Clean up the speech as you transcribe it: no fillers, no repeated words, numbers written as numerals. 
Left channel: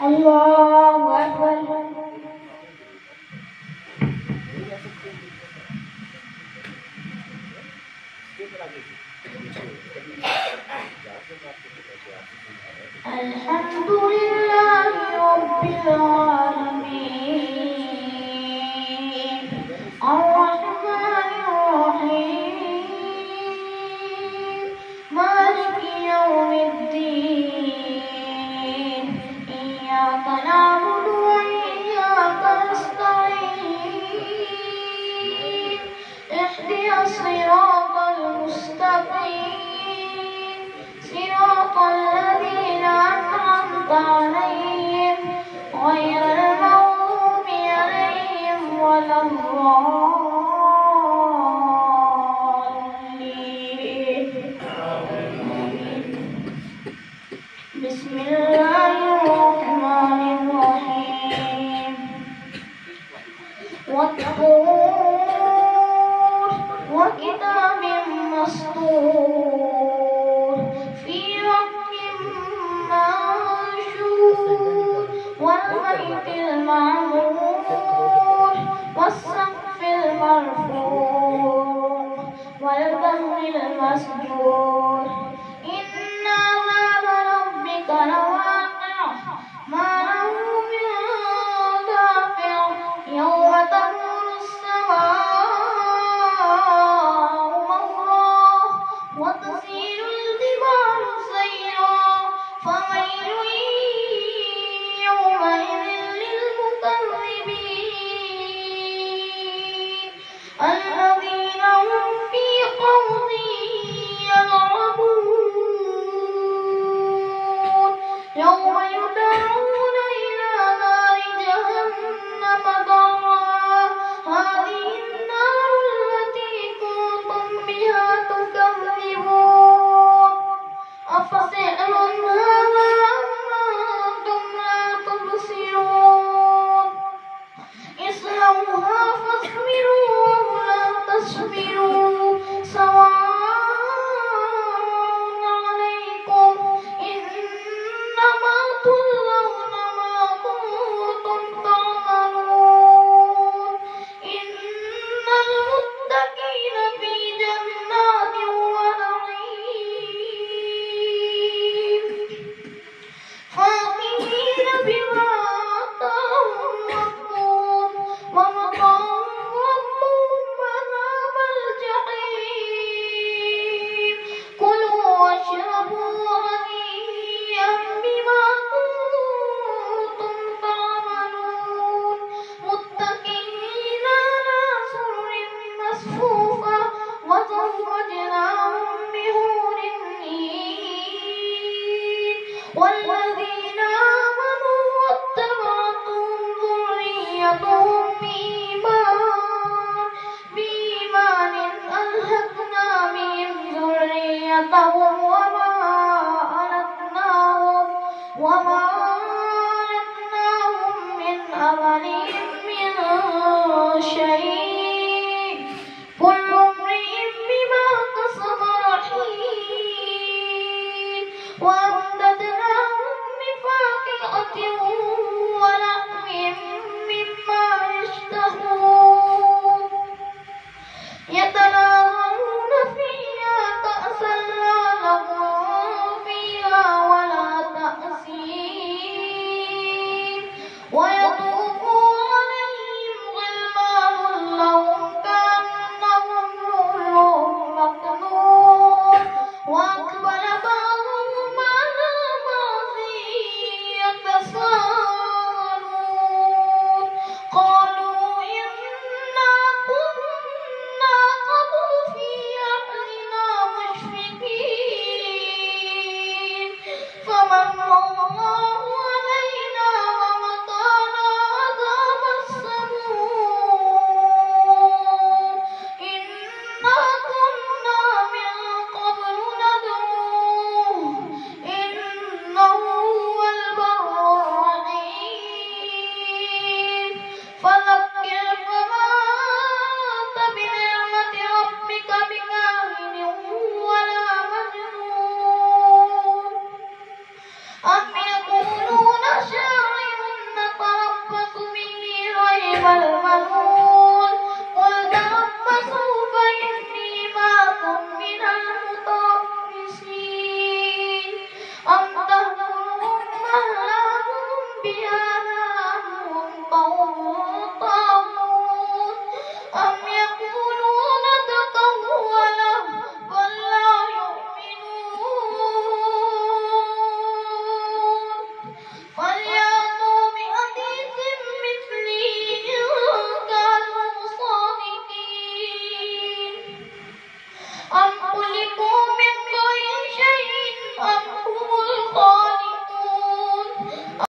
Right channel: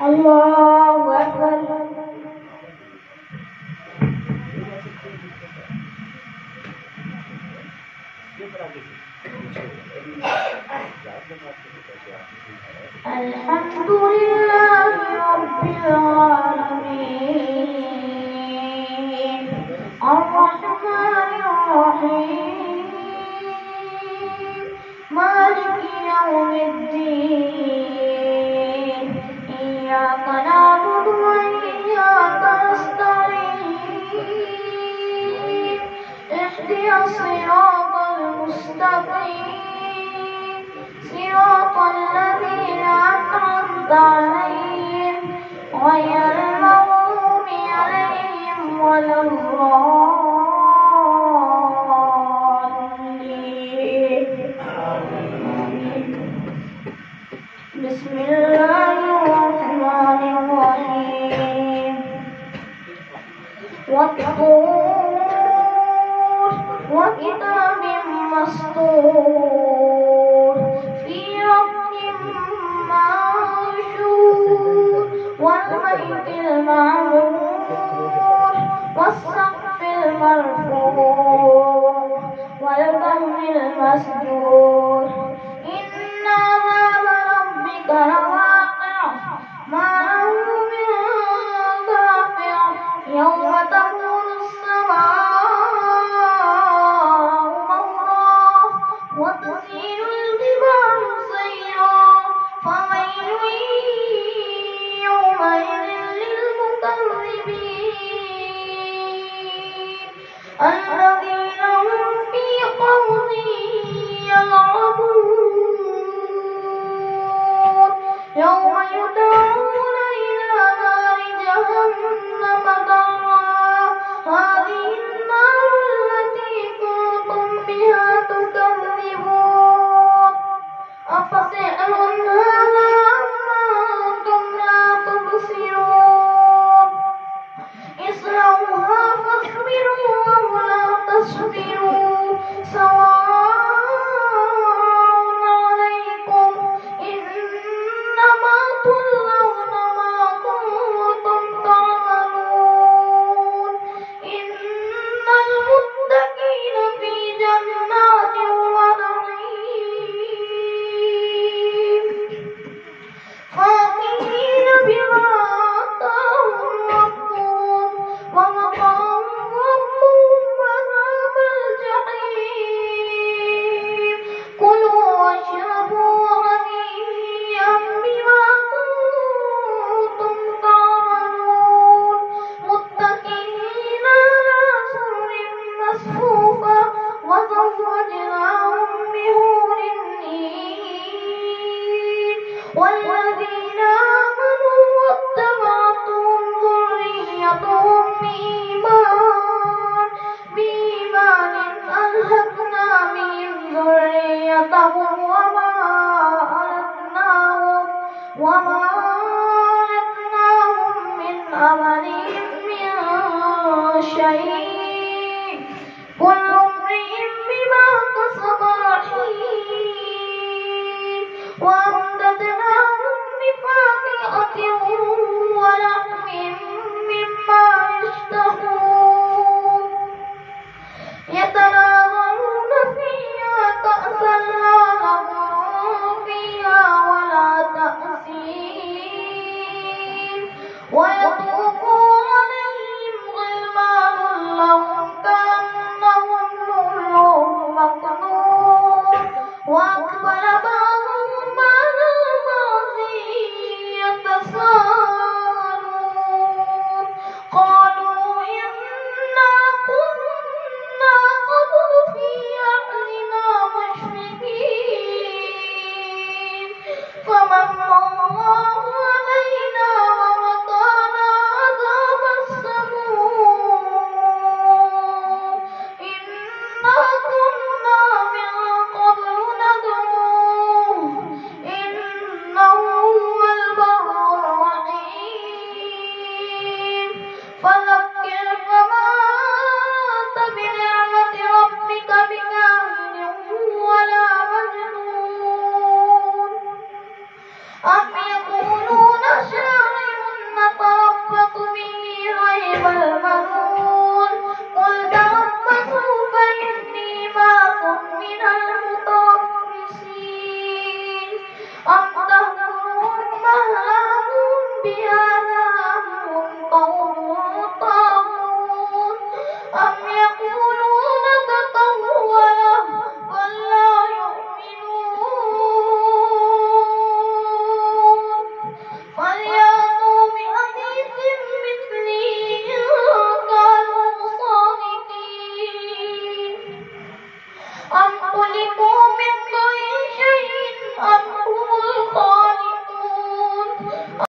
الله أكبر. الحمد لله رب العالمين الرحمن الرحيم مالك يوم الدين إياك نعبد وإياك نستعين اهدنا الصراط المستقيم صراط الذين أنعمت عليهم غير المغضوب عليهم ولا الضالين. بسم الله الرحمن الرحيم. والطور وكتاب مسطور في رق منشور والبيت المعمور والسقف المرفوع والبحر المسجور إن عذاب ربك لواقع ما له من دافع يوم تمور السماء مورا وتسير الجبال سيرا فويل يومئذ للمكذبين الذين هم في خوض يلعبون يوم يدعون إلى نار جهنم دعا هذه النار التي كنتم بها تكذبون أفسحر هذا أم أنتم لا تبصرون اصلوها فاصبروا أو لا تصبروا سواء عليكم إنما تجزون ما كنتم تعملون إن المتقين في جنات ونعيم فاكهين بما آتاهم ربهم ووقاهم ربهم عذاب الجحيم كلوا واشربوا هنيئا بما كنتم تعملون متكئين على سرر مصفوفة وزوجناهم بحور عين والذين آمنوا واتبعتهم ذريتهم بإيمان ألحقنا بهم ذريتهم وما ألتناهم من عملهم من شيء كل امرئ بما كسب رهين وأمددناهم بفاكهة ولحم مما يشتهون يتناولون فيها كأسا لا لغو فيها ولا تأثيم ويطوف عليهم غلمان لهم كأنهم لؤلؤ مكنون وأقبل بعضهم على بعض يتساءلون قالوا إنا كنا قبل في أهلنا مشفقين فمن الله علينا ووقانا عذاب السموم إنا كنا من قبل ندعوه فيها